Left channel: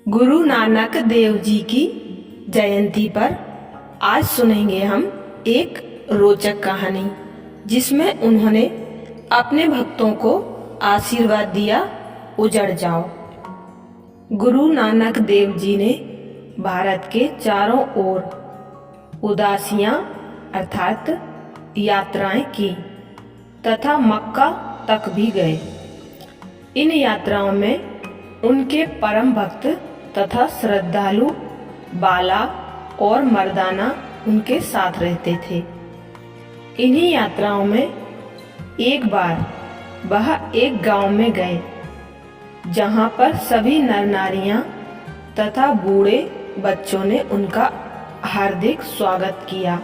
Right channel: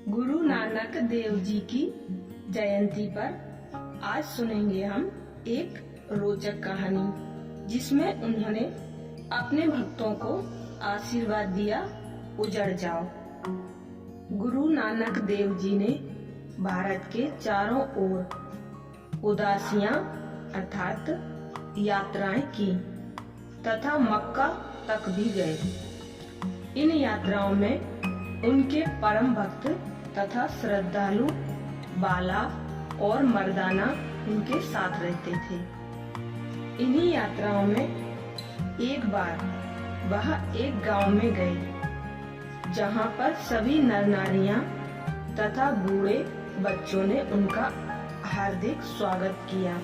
गुरु नानक देव जी की जयंती पर आज सुनेंगे हम एक रोचक कहानी, जिसमें उन्होंने अपने भक्तों को आशीर्वाद दिया, उजड़ जाओ। गुरु नानक देव जी ने भारत के चारों ओर उदासियां अर्थात यात्राएं की तथा मक्का तक भी गए। इन यात्राओं में उनके परम भक्त तथा श्रद्धालु बाला और मर्दाना उनके साथ रहते थे। इन्हीं यात्राओं में एक बार वह एक गांव में गए, जहां पर सभी नर नारियां तथा बूढ़े बच्चों ने उनका हार्दिक स्वागत किया।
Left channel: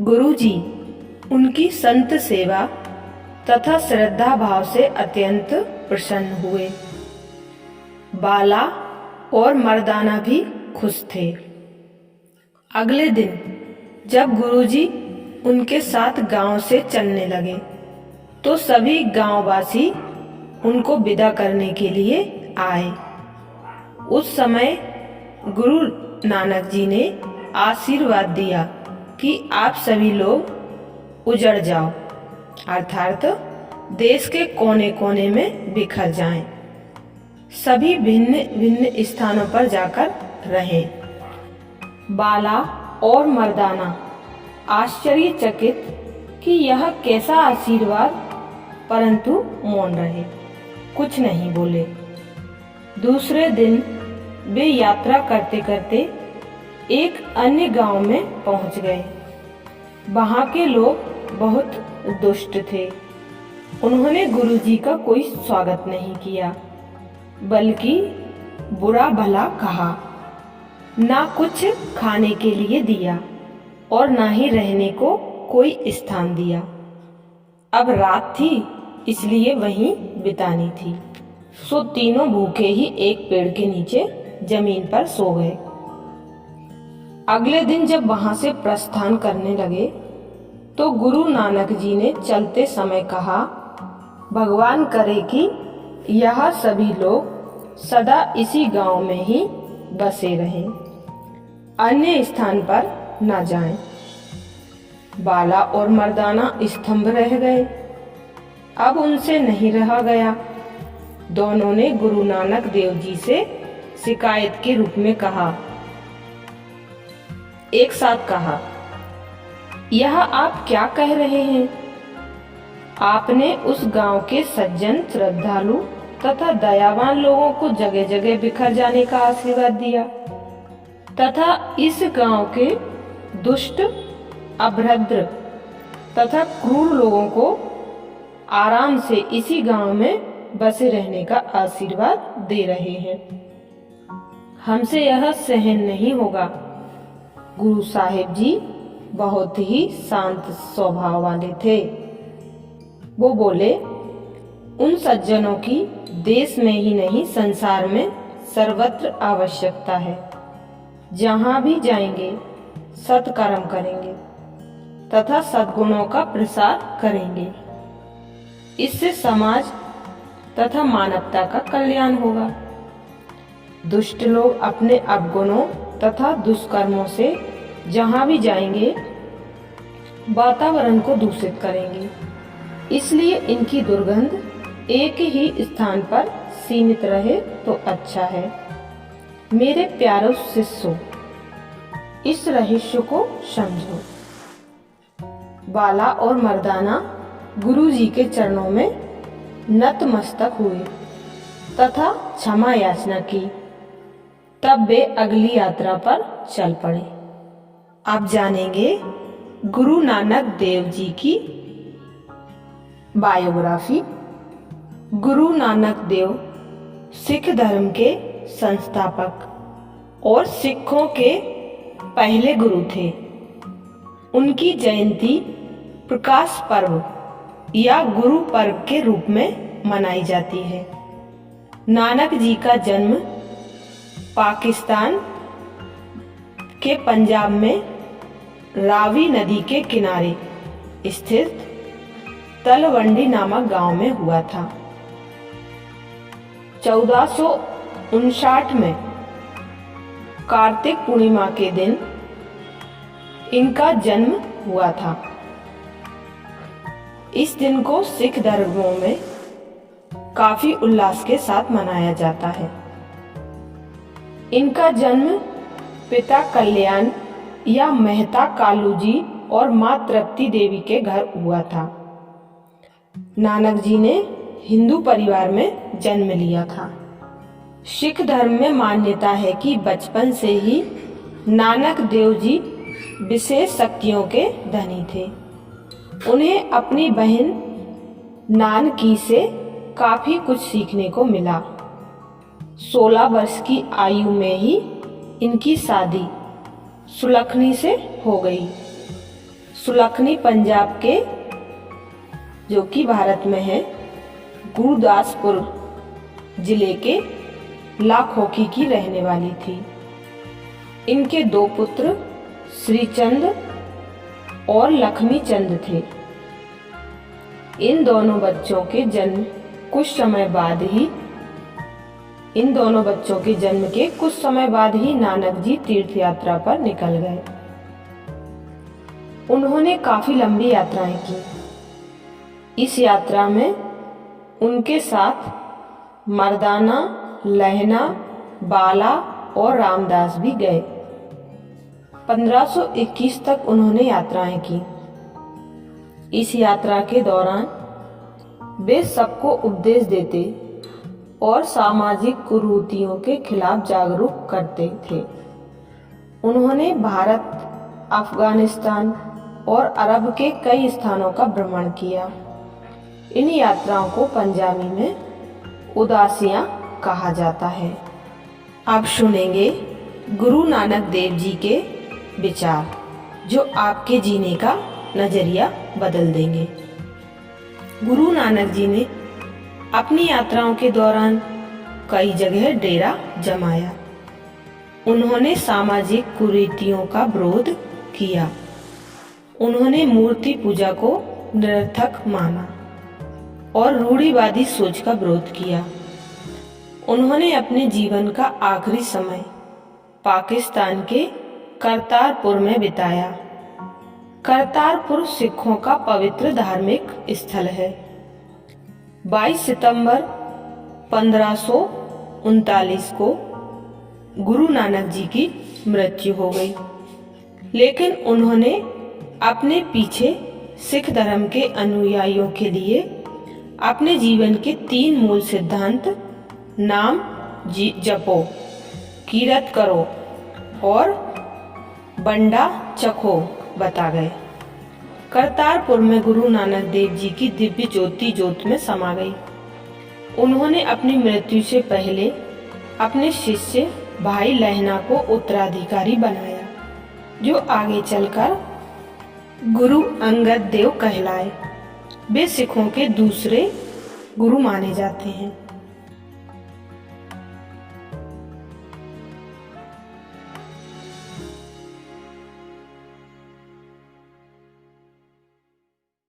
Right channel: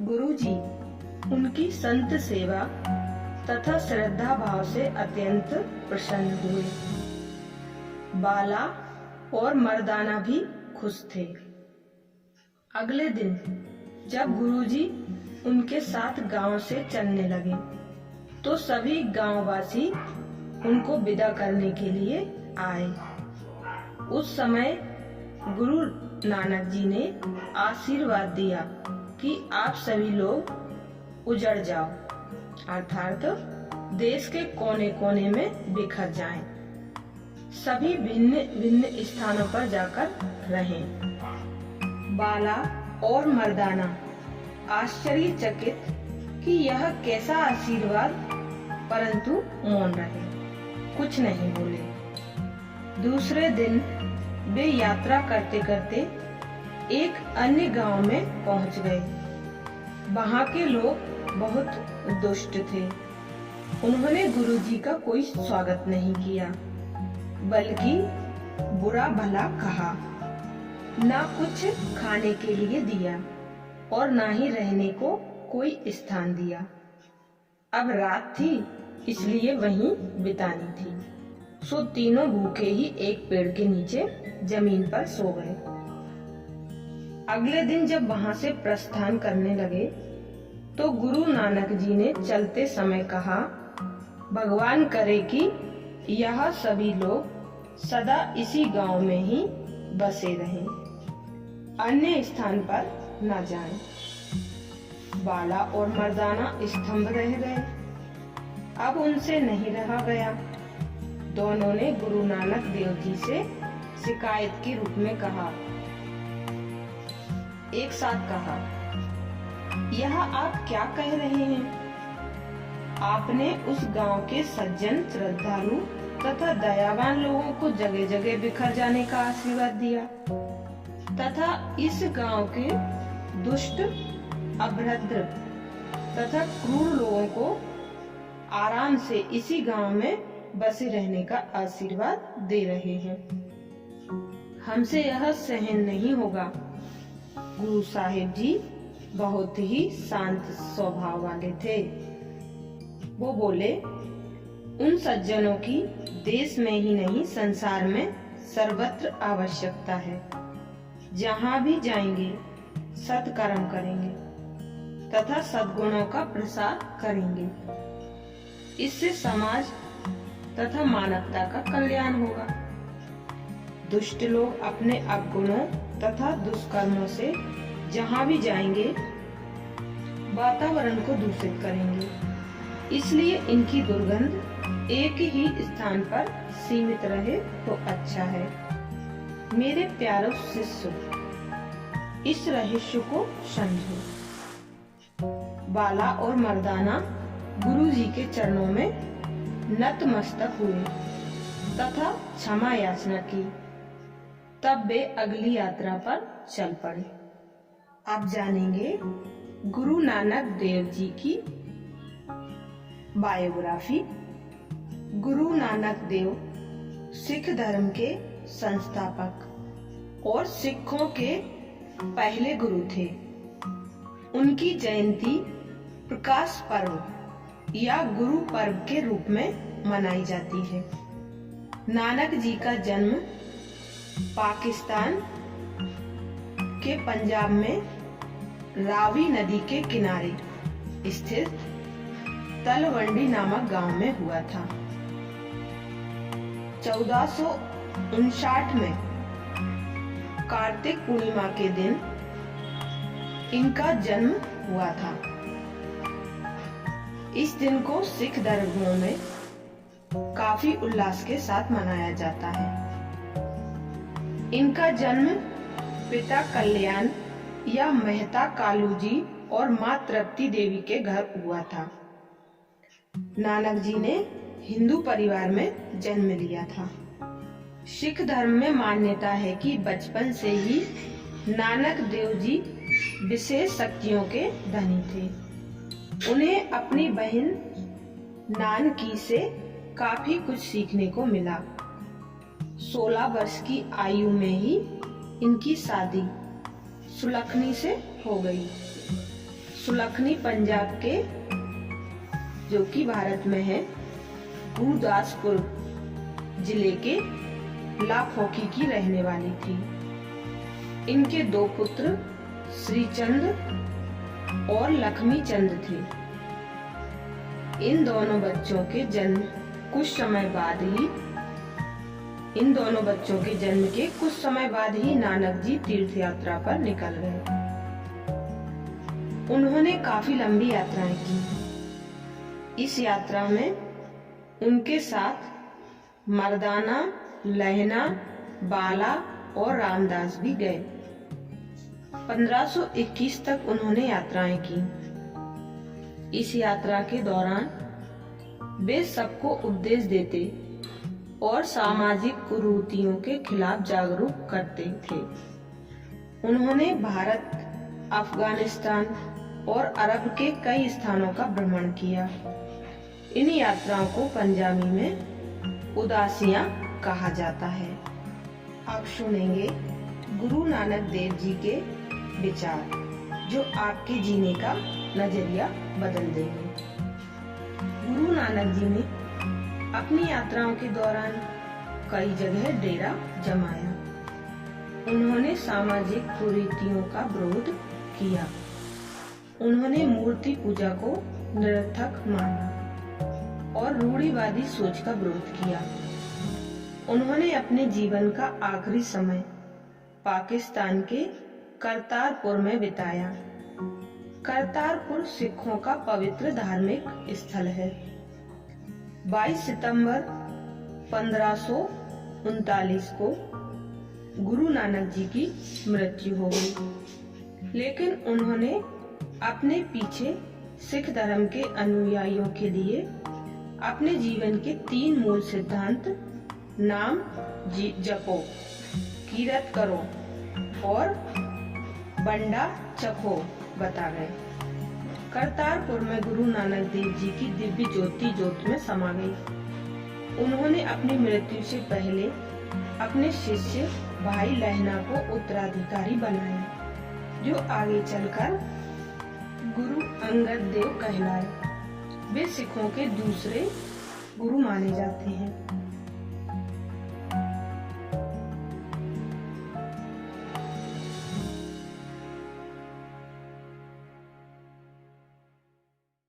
गुरुजी उनकी संत सेवा तथा श्रद्धा भाव से अत्यंत प्रसन्न हुए। बाला और मर्दाना भी खुश थे। अगले दिन जब गुरुजी उनके साथ गांव से चलने लगे, तो सभी गांववासी उनको विदा करने के लिए आए। उस समय गुरु नानक जी ने आशीर्वाद दिया कि आप सभी लोग उजड़ जाओ, अर्थात देश के कोने कोने में बिखर जाएं। सभी भिन्न भिन्न स्थानों पर जाकर रहें। बाला और मर्दाना आश्चर्यचकित कि यह कैसा आशीर्वाद, परंतु मौन रहे, कुछ नहीं बोले। दूसरे दिन वे यात्रा करते करते एक अन्य गांव में पहुंच गए। वहां के लोग बहुत दुष्ट थे। उन्होंने गुरुजी का कोई स्वागत नहीं किया, बल्कि बुरा भला कहा, ना कुछ खाने के लिए दिया और ना ही रहने को कोई स्थान दिया। अब रात थी, इसलिए वहीं बितानी थी, सो तीनों भूखे ही एक पेड़ के नीचे जमीन पर सो गए। अगले दिन जब वहां से प्रस्थान करने लगे, तो गुरु नानक जी ने चलते समय कहा, भगवान करे कि यह सभी लोग सदा इसी गांव में ही बसे रहें, अन्य स्थान पर न जाएं। बाला और मर्दाना स्तंभ रह गए। अब उनसे नहीं रहा गया। दोनों ने गुरु नानक देव जी से शिकायत के रूप में कहा, एक साथ कहा, यह आप क्या कह रहे हैं? आपने उस गांव के सज्जन, श्रद्धालु तथा दयावान लोगों को जगह जगह बिखर जाने का आशीर्वाद दिया तथा इस गांव के दुष्ट, अभद्र तथा क्रूर लोगों को आराम से इसी गांव में बसे रहने का आशीर्वाद दे रहे हैं। हमसे यह सहन नहीं होगा। गुरु साहिब जी बहुत ही शांत स्वभाव वाले थे। वो बोले, उन सज्जनों की देश में ही नहीं संसार में सर्वत्र आवश्यकता है। जहाँ भी जाएंगे सत्कर्म करेंगे तथा सद्गुणों का प्रसार करेंगे। इससे समाज तथा मानवता का कल्याण होगा। दुष्ट लोग अपने अवगुणों तथा दुष्कर्मों से जहाँ भी जाएंगे वातावरण को दूषित करेंगे। इसलिए इनकी दुर्गंध एक ही स्थान पर सीमित रहे तो अच्छा है। मेरे प्यारे शिष्यों, इस रहस्य को समझो। बाला और मर्दाना गुरु जी के चरणों में नतमस्तक हुए तथा क्षमा याचना की। तब वे अगली यात्रा पर चल पड़े। अब जानेंगे गुरु नानक देव जी की बायोग्राफी। गुरु नानक देव सिख धर्म के संस्थापक और सिखों के पहले गुरु थे। उनकी जयंती प्रकाश पर्व या गुरु पर्व के रूप में मनाई जाती है। नानक जी का जन्म पाकिस्तान के पंजाब में रावी नदी के किनारे स्थित तलवंडी नामक गांव में हुआ था। 1859 में कार्तिक पूर्णिमा के दिन इनका जन्म हुआ था। इस दिन को सिख धर्मों में काफी उल्लास के साथ मनाया जाता है। इनका जन्म पिता कल्याण या मेहता कालू जी और मां तृप्ति देवी के घर हुआ था। नानक जी ने हिंदू परिवार में जन्म लिया था। सिख धर्म में मान्यता है कि बचपन से ही नानक देव जी विशेष शक्तियों के धनी थे। उन्हें अपनी बहन नानकी से काफी कुछ सीखने को मिला। 16 वर्ष की आयु में ही इनकी शादी सुलखनी से हो गई। सुलखनी पंजाब के, जो कि भारत में है, गुरदासपुर जिले के लाखोकी की रहने वाली थी। इनके 2 पुत्र श्रीचंद और लक्ष्मी चंद थे। इन दोनों बच्चों के जन्म के कुछ समय बाद ही नानक जी तीर्थ यात्रा पर निकल गए। उन्होंने काफी लंबी यात्राएं की। इस यात्रा में उनके साथ मर्दाना, लहना, बाला और रामदास भी गए। 1521 तक उन्होंने यात्राएं की। इस यात्रा के दौरान वे सबको उपदेश देते और सामाजिक कुरीतियों के खिलाफ जागरूक करते थे। उन्होंने भारत, अफगानिस्तान और अरब के कई स्थानों का भ्रमण किया। इन यात्राओं को पंजाबी में उदासियां कहा जाता है। अब सुनेंगे गुरु नानक देव जी के विचार, जो आपके जीने का नजरिया बदल देंगे। गुरु नानक जी ने अपनी यात्राओं के दौरान कई जगह डेरा जमाया। उन्होंने सामाजिक कुरीतियों का विरोध किया। उन्होंने मूर्ति पूजा को निरर्थक माना और रूढ़िवादी सोच का विरोध किया। उन्होंने अपने जीवन का आखिरी समय पाकिस्तान के करतारपुर में बिताया। करतारपुर सिखों का पवित्र धार्मिक स्थल है। 22 सितंबर 1539 को गुरु नानक जी की मृत्यु हो गई, लेकिन उन्होंने अपने पीछे सिख धर्म के अनुयायियों के लिए अपने जीवन के 3 मूल सिद्धांत नाम जपो, कीरत करो और बंडा चखो बता गए। करतारपुर में गुरु नानक देव जी की दिव्य ज्योति जोत में समा गई। उन्होंने अपनी मृत्यु से पहले अपने शिष्य भाई लहना को उत्तराधिकारी बनाया, जो आगे चलकर गुरु अंगद देव कहलाए। वे सिखों के दूसरे गुरु माने जाते हैं।